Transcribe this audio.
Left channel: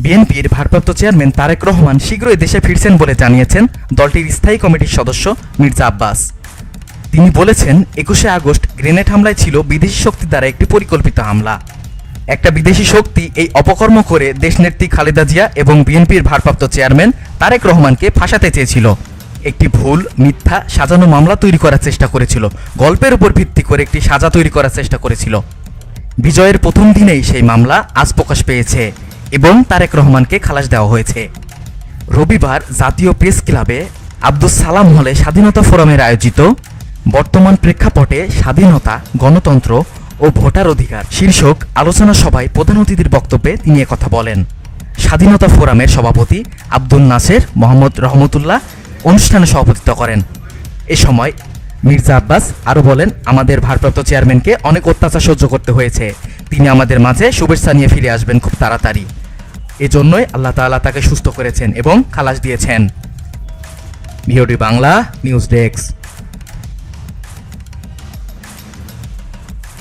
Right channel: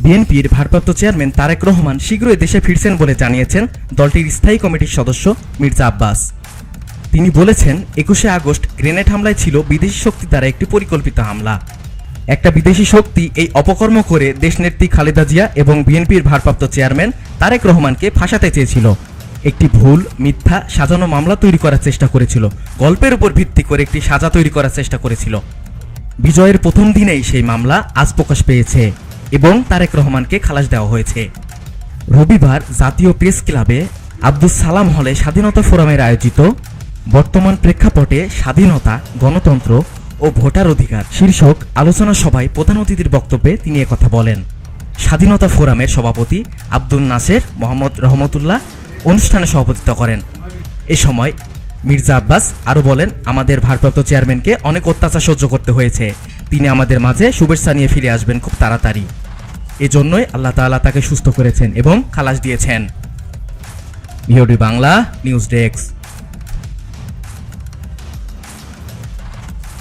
বিএনপির ভারপ্রাপ্ত চেয়ারম্যান তারেক রহমান শীঘ্রই দেশে ফিরছেন বলে জানিয়েছেন দলটির স্থায়ী কমিটির সদস্য মির্জা আব্বাস। তিনি বলেছেন, 21শে আগস্ট গ্রেনেড হামলায় ছিল বিদেশি শক্তি দ্বারা একটি পরিকল্পিত হামলা। একটা বিদেশি শক্তি এই অপকর্ম করে দেশনেত্রী খালেদা জিয়া এবং বিএনপির ভারপ্রাপ্ত চেয়ারম্যান তারেক রহমানকে ফাঁসাতে চেয়েছিল। একটি ভুল, মিথ্যা, সাজানো মামলা তৈরি করার চেষ্টা করেছিল। গল্পের উপর ভিত্তি করে একটি সাজা তৈরি করার চেষ্টা করেছিল। বিজয়ের প্রথম দিনেই সেই মামলা আজ প্রকাশ পেয়েছে এবং তারেক রহমানকে খালাস দেওয়া হয়েছে। রবিবার জাতীয় প্রেস ক্লাবে আব্দুস সালাম হলে স্বাধীনতা ফোরামের আয়োজিত বর্তমান প্রেক্ষাপটে স্বাধীনতা, গণতন্ত্র ও ভোটার অধিকার শীর্ষক আলোচনা সভায় প্রধান অতিথির বক্তব্যে তিনি একথা বলেন। স্বাধীনতা ফোরামের সভাপতি আব্দুল নাসের মোহাম্মদ রহমতুল্লাহ অনুষ্ঠানে সভাপতিত্ব করেন। এ সময় মির্জা আব্বাস আরও বলেন, আমাদের ভারপ্রাপ্ত চেয়ারম্যানকে অনেক অত্যাচার সহ্য করতে হয়েছে। তিনি আমাদের মাঝে শুভেচ্ছা নিয়ে ফিরে আসবেন খুব তাড়াতাড়ি। এজন্যই আল্লাহ তাআলা তাকে সুস্থ করেছেন এবং খালাস দিয়েছেন। VOD Bangla news desk.